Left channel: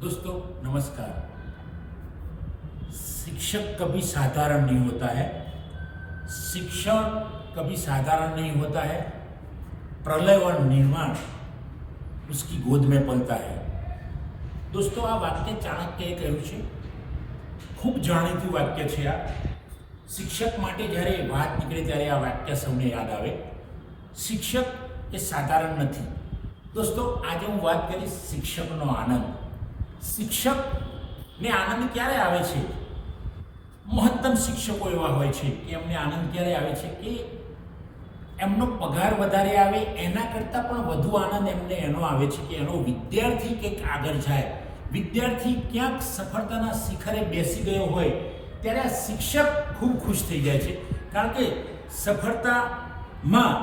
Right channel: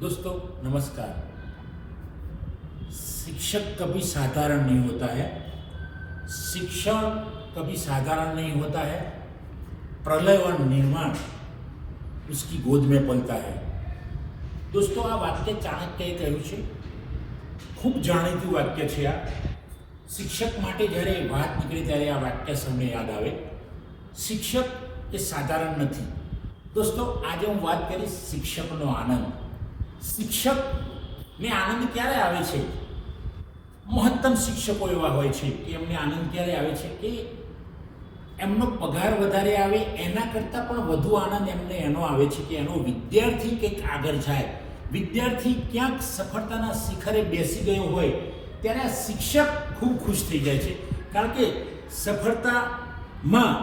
दोस्तों नमस्कार। शिक्षक कभी साधारण नहीं होता है, शिक्षण कभी साधारण नहीं होता है। प्रलय और निर्माण उसकी गोद में पलता है। दोस्तों आ वाक्य ચાણક્યએ કહ્યું છે, ખૂબ જાણીતું વાક્ય છે આ। શિક્ષક માટે જ્યારે વાત નીકળે ત્યારે આ વાક્ય સૌને યાદ આવે। શિક્ષક એ સાધારણ નથી। दोस्तों આજે હું વાત કરીશ શિક્ષકનો આનંદ। શિક્ષકને આનંદ ક્યારે આવે છે? મહત્તમ શિક્ષકો એવા હોય છે કે એમને આનંદ ક્યારે આવે છે કે એમનો પગાર વધારે આવે, એના કરતાં પણ વધુ આનંદ એમને એનો આવે છે કે એનો વિદ્યાર્થી કંઈક આગળ જાય, વિદ્યાર્થી ક્યાંક સફળતાના શિખરે બેસી ગયો હોય ત્યારે આ શિક્ષક ખૂબ ખુશ થઈ જાય છે। કારણ કે સફળતામાં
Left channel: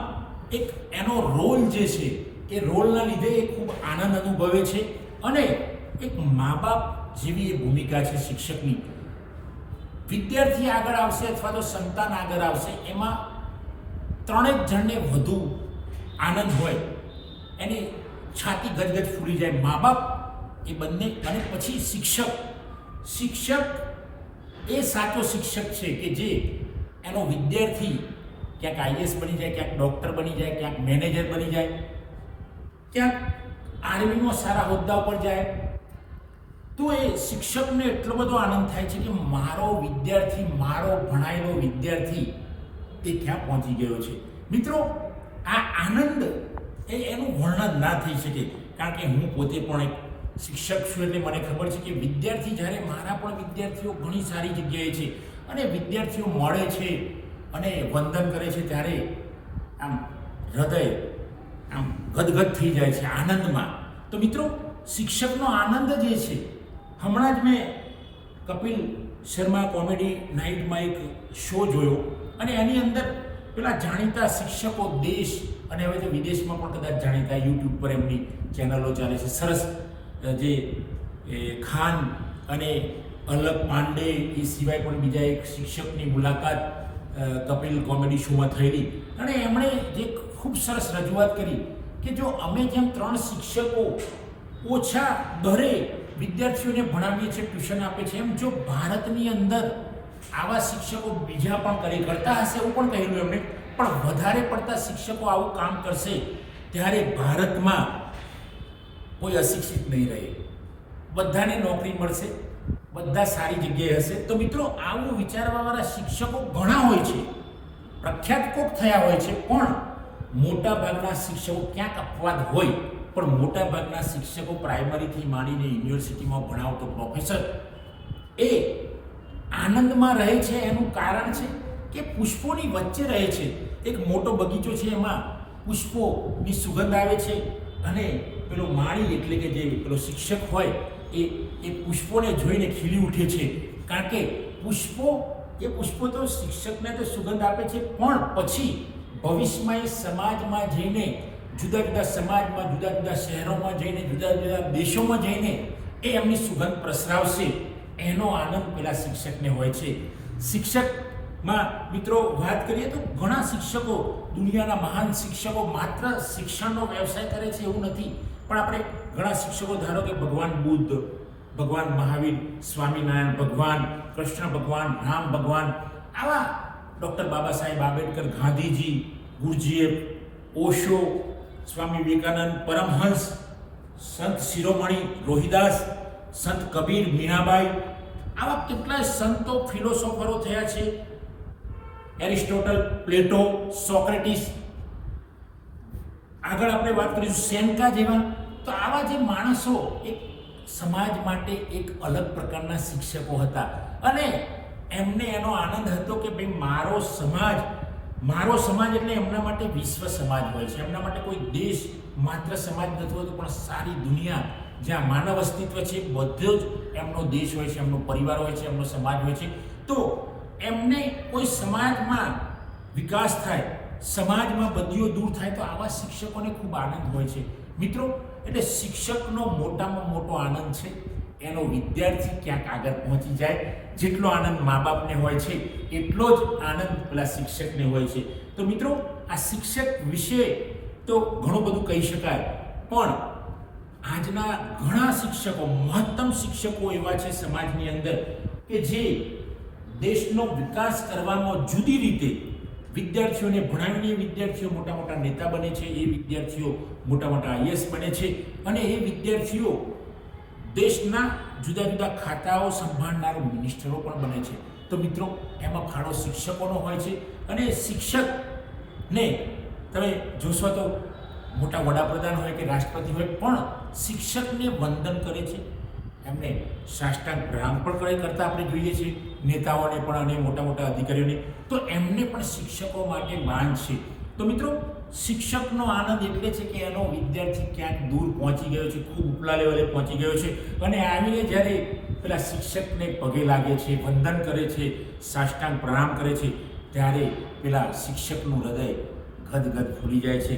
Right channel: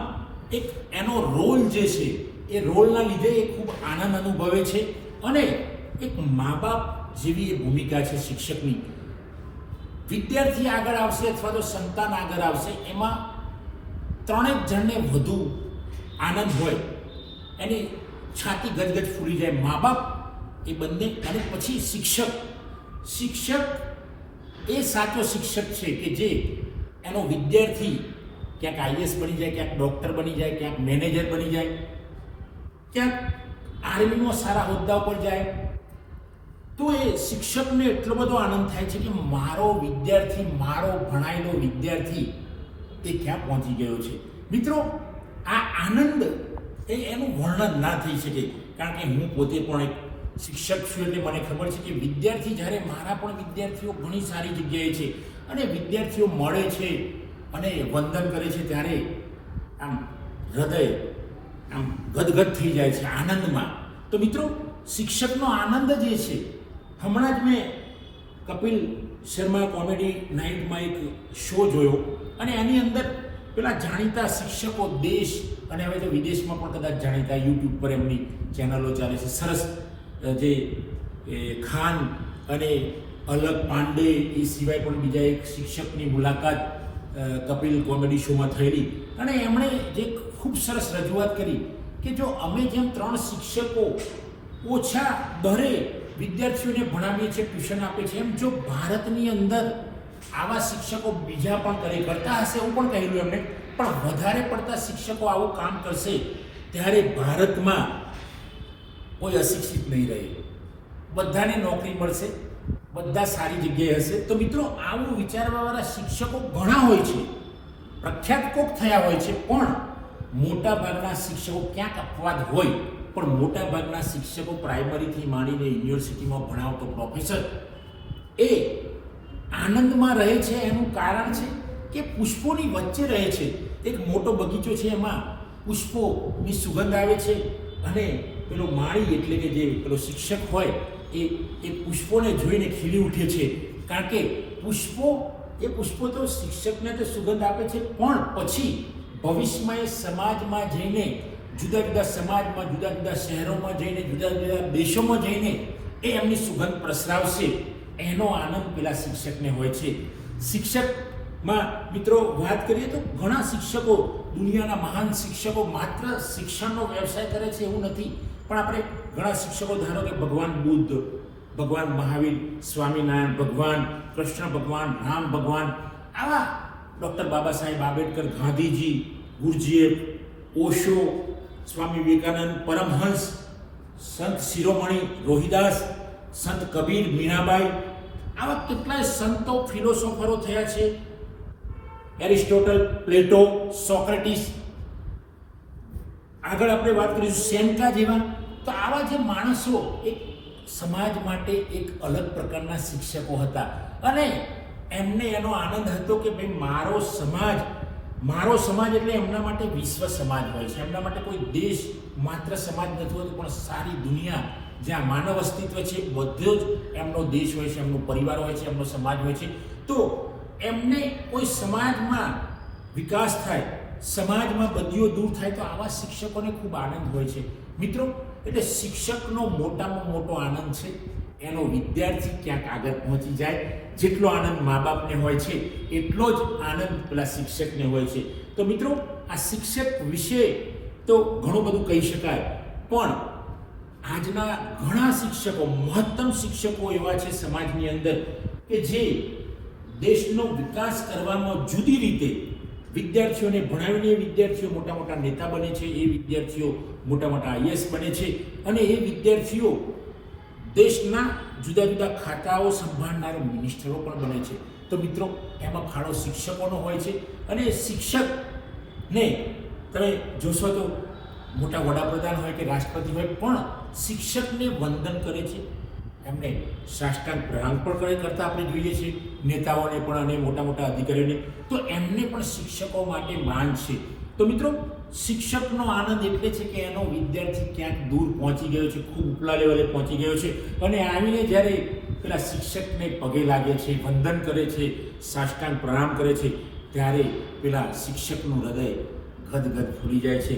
એક એનો રોલ જે છે એ રોલના લીધે એ ખૂબ આનંદ અનુભવે છે અને એક મા બાપ જેવી એ ભૂમિકા છે શિક્ષકની। વિદ્યાર્થી આગળ આવશે અથવા તો સંતાન આગળ આવશે, એમાં ત્રણેક જણને વધુ આનંદ હોય, એની છાતી ગજગજ ફૂલી જાય। મા બાપ એ બંને અને પછી શિક્ષક એ સાચો શિક્ષક છે કે જે એનો વિદ્યાર્થી ક્યાંક આઈએએસ બની જાય, ક્યાંક ડૉક્ટર બની જાય, ક્યાંક મેનેજર બની જાય, ક્યાંક આર્મીમાં સારા હોદ્દા ઉપર જાય, તો એ શિક્ષકને એટલો બધો આનંદ થાય છે કે મારો વિદ્યાર્થી, મારો ભણાયેલો વિદ્યાર્થી એ ક્યાં પહોંચી ગયો છે। મિત્રો આ આનંદ એનું વર્ણન ના થઈ શકે, કારણ કે હું પોતે પણ એક શિક્ષક છું એટલે મને ખબર છે કે વિદ્યાર્થી જ્યારે મારા પણ વિદ્યાર્થીઓ ઘણી સારી જગ્યાએ છે અને વિદ્યાર્થીઓ મળે છે અને વંદન કરે છે ત્યારે આમ હૃદય આમ ગદગદ થઈ જાય છે આનંદમાં। તો મિત્રો શિક્ષકનો આનંદ જે છે, હમણાં જ મેં કપિલ શર્મા કોમેડી નાઇટમાં એક શો જોયો અને એની અંદર પેલા જાણીતા શિક્ષકો દેશ અને હવે તો વિદેશમાં પણ કદાચ જાણીતા, યુટ્યુબ પર એમની ચેનલો ચાલે છે સરસ, જે ખાન અને અલક પાંડે એ સિવાય પણ બીજા એક શિક્ષકની મુલાકાત કપિલ કોમેડી શોમાં થયેલી અને એમણે જે ખૂબ સરસ રજૂઆત કરી કે જો અમે જેમ 3 શિક્ષકો ઓછા દરે વિદ્યાર્થીઓને ભણાવીએ છીએ, ટ્યુશન આપે છે, એમ જો ભારતની અંદર આવા શિક્ષકો બીજા પણ કરતા હશે એવું પણ કહેલું એમણે, પણ વધારે પડતા શિક્ષકો આવું કામ કરશે ત્યારે ભારતમાં કોઈ અશિક્ષિત નહીં રહે, બધાને નોકરી મળશે, બધા સારી જગ્યાએ હશે। તો મિત્રો આવું વિચારવાવાળા શિક્ષકો ઘણા હોય છે, પ્રખ્યાત કોક થયા હોય છે, પણ મોટા ભાગના શિક્ષકો ક્યાંક અપવાદ હોય, પણ મોટા ભાગના શિક્ષકો પ્રાઇમરીથી માંડીને યુનિવર્સિટીમાં ભણાવતો પ્રોફેસર એ આનંદમાં રહે છે। એનું કારણ છે કે પુષ્પોની વચ્ચે રહે છે, એક મોટો બગીચો છે, એમાં પુષ્પોની સુગંધ આવે છે અને પેલો માળી એટલે કે જે પેલો શિક્ષક હોય એ પુષ્પોને જોઈને ખીલી ઉઠે છે, કારણ કે પુષ્પો તો શિક્ષકને તો સુગંધ આપે છે, પણ પછી ભવિષ્યમાં એ સમાજમાં જઈને, જુદા જુદા સમાજમાં, જુદા જુદા શહેરોમાં જઈને, જુદા જુદા દેશોમાં જઈને એ એમની સુગંધ પ્રસરાવશે, એનો આનંદ પેલા શિક્ષકને હોય છે। શિક્ષકમાં મિત્રો વાત કરીએ તો ઘણા શિક્ષકો, દુનિયાના મહાન શિક્ષકો માત્ર શિક્ષણનો વ્યવસાય કરે છે એવું નથી, પણ આપણે ઘણા શિક્ષકો ધારો કે ભગવાન બુદ્ધ, ભગવાન મહાવીર, સ્વામિનારાયણ ભગવાન, કૃષ્ણ ભગવાન, રામ ભગવાન, આવા ડૉક્ટર બાબા સાહેબ આંબેડકર, ગાંધીજી, ગુરજીએફ, ઓશો, સ્વામી વિવેકાનંદ, પરમહંસ, સંત શિરોમણી રોહિદાસ, સંત કબીર, મીરાબાઈ, આવા કેટલાય સંતો, ફિલોસોફરો થયા છે, એરિસ્ટોટલ, પ્લેટો, સોક્રેટિસ, આગળ આપણે વાત કરીશું સેન્કા જેવા। તો આવા જે માણસો એક સમાજ માટે એક અલગ પ્રકારના શિક્ષકો હતા અને એમને એનો આનંદ હતો કે ભાઈ મારો સમાજ એટલે એમના માટે વિશ્વ સમાજ હોય છે, એમના માટે કોઈ દેશ માત્ર સમાજ નથી હોતો, પણ સારી દુનિયા જ્યાં માનવ અસ્તિત્વ છે બધો જ એમનો દેશ હોય છે, એમનો પરિવાર હોય છે, એમનો સમાજ હોય છે। તો એમને કોઈ સમાજમાં વિકાસ થાય, સમાજમાં બદીઓ દૂર થાય, તો આવા શિક્ષકોને ખૂબ આનંદ હોય છે। મિત્રો એટલે શિક્ષકનો મોટામાં મોટો આનંદ છે એનો વિદ્યાર્થી ક્યાંક આગળ પહોંચી જાય। જેટલો આનંદ મા બાપને હોય છે એટલો જ આનંદ પેલા શિક્ષકને હોય છે। તો મિત્રો આ શિક્ષક વિશે તો ઘણું બધું કહી શકાય, પણ આજના ઘણા શિક્ષકો, મહત્તમ શિક્ષકો એવા છે સમાજની અંદર કે જે દેશનો વિકાસ કરવામાં જુદી રીતે વિદ્યાર્થીઓને ભણાવીને વિદ્યાર્થીઓ મોટા મોટા નેતા બને છે, એ વિદ્યાર્થીઓ મોટા મોટા આઈએએસ બને છે અને એ વિદ્યાર્થીઓ દેશના જુદા જુદા ખાતાઓ સંભાળનાર મિનિસ્ટરો પણ બને છે. તો મિત્રો, એમાં ફાળો શિક્ષકોનો હોય છે અને શિક્ષકને તમે જોશો તો મોટા વડાપ્રધાન હોય કે રાષ્ટ્રપતિ હોય પણ શિક્ષકને વંદન કરે છે, એમને સાષ્ટાંગ પ્રણામ પણ કરતા આપણે જોઈએ છીએ, નેતાઓને પણ અને મોટા મોટા અધિકારીઓને. તો એમને પણ શિક્ષકો માટે માન છે. તો મિત્રો, શિક્ષકનો આનંદ એટલે છે કે એનો વિદ્યાર્થી ક્યાંક દૂર પહોંચી ગયો છે, ખૂબ ઉપલા લેવલે પહોંચી ગયો છે અને આવીને જ્યારે પેલા શિક્ષકને પગે લાગે છે, વંદન કરે છે, સાષ્ટાંગ પ્રણામ કરે છે, ત્યારે પેલા શિક્ષકનું હૃદય ગદગદ ફૂલી જાય છે,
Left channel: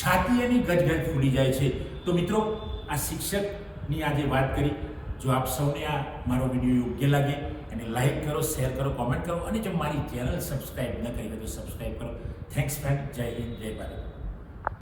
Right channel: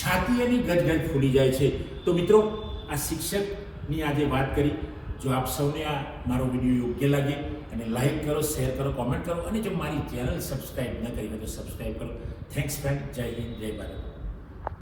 છાતી એની ગદગદ ફૂલી જાય છે. તો મિત્રો, આ શિક્ષકની આજે વાત કરી. જો આપ સૌને આ મારો વિડીયો યોગ્ય લાગે અને લાઈક કરો, શેર કરો, કોમેન્ટ કરો અને જો મારી ચેનલ સબસ્ક્રાઈબ ન કરી હોય તો સબસ્ક્રાઈબ કરો. Thanks friend. જય હિન્દ, જય ભારત.